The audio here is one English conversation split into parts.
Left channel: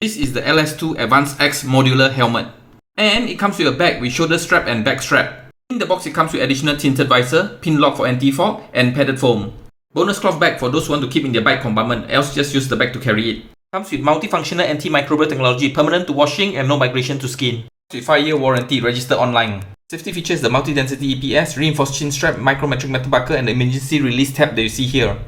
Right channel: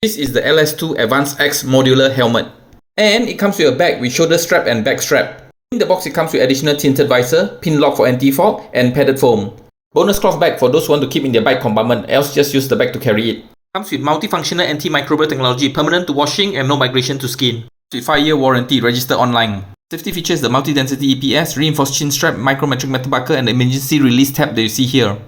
This is the LS2 Advant X modular helmet. And it comes with a bag with shoulder strap and back strap. In the box it comes with additional tinted visor, pin lock for anti-fog, and padded foam. Bonus cloth bag for those who want to keep in their bike compartment, else just use the bag to carry it. Comes with multifunctional antimicrobial technology, permanent to washing and no migration to skin. With 5-year warranty, registered online. Safety features the multi-density EPS, reinforced chin strap, micrometric metal buckle, and the emergency release tab that you see here.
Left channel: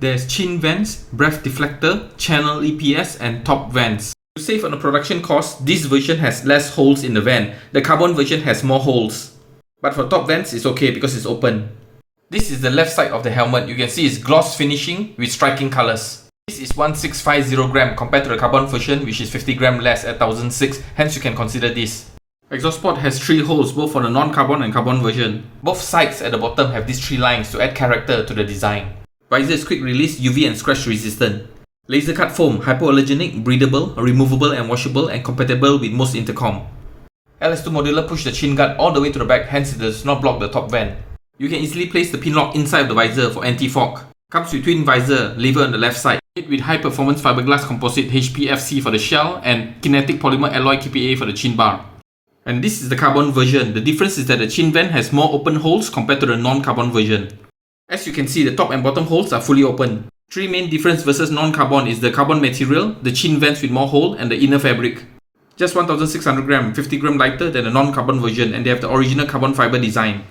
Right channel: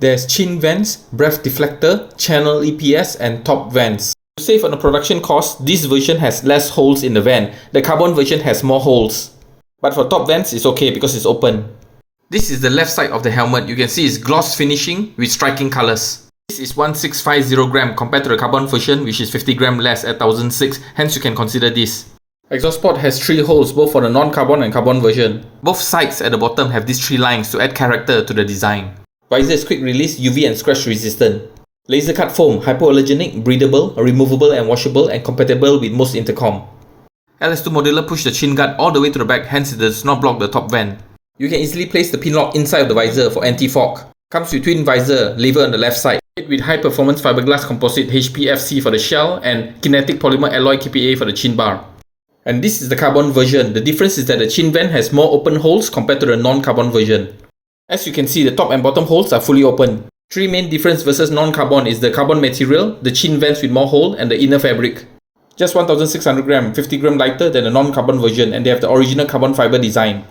There's chin vents, breath deflector, channel EPS, and top vents. To save on the production cost, this version has less holes in the vent. The carbon version has more holes. But for top vents, it's okay because it's open. This is the left side of the helmet. You can see it's gloss finishing with striking colors. This is 1650 gram compared to the carbon version, which is 50 gram less at 1006, hence you can consider this. Exhaust port has 3 holes both for the non-carbon and carbon version. Both sides at the bottom have these 3 lines to add character to the design. Visor is quick release, UV and scratch resistant. Laser cut foam, hypoallergenic, breathable, removable and washable, and compatible with most intercom. LS2 Modular push the chin guard all the way to the back, hence it does not block the top vent. You can easily place the pin lock inside of the visor for anti-fog. Comes with twin visor, lever on the left side. Made with high performance fiberglass composite HPFC for the shell and kinetic polymer alloy KPA for the chin bar. And this is the carbon version. The difference is that the chin vent has more open holes compared to the non-carbon version. As you can see, the top and bottom holes are fully open. 3 main difference versus non-carbon is the carbon material, the chin vents with more hole, and the inner fabric. Just 1600 gram, 50 gram lighter than the non-carbon version, and they have the original carbon fiber design.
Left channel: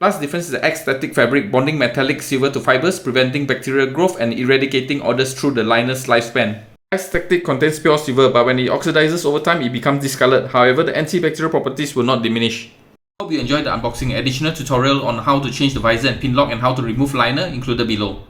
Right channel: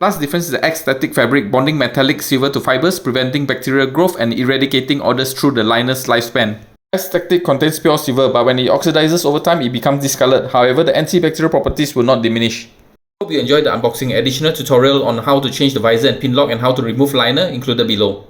Last difference is the X static fabric, bonding metallic silver to fibers, preventing bacterial growth and eradicating odors through the liner's lifespan. X static contains pure silver, but when it oxidizes over time, it becomes discolored. However, the antibacterial properties will not diminish. Hope you enjoyed the unboxing. Additional tutorial on how to change the visor and pin lock and how to remove liner included below.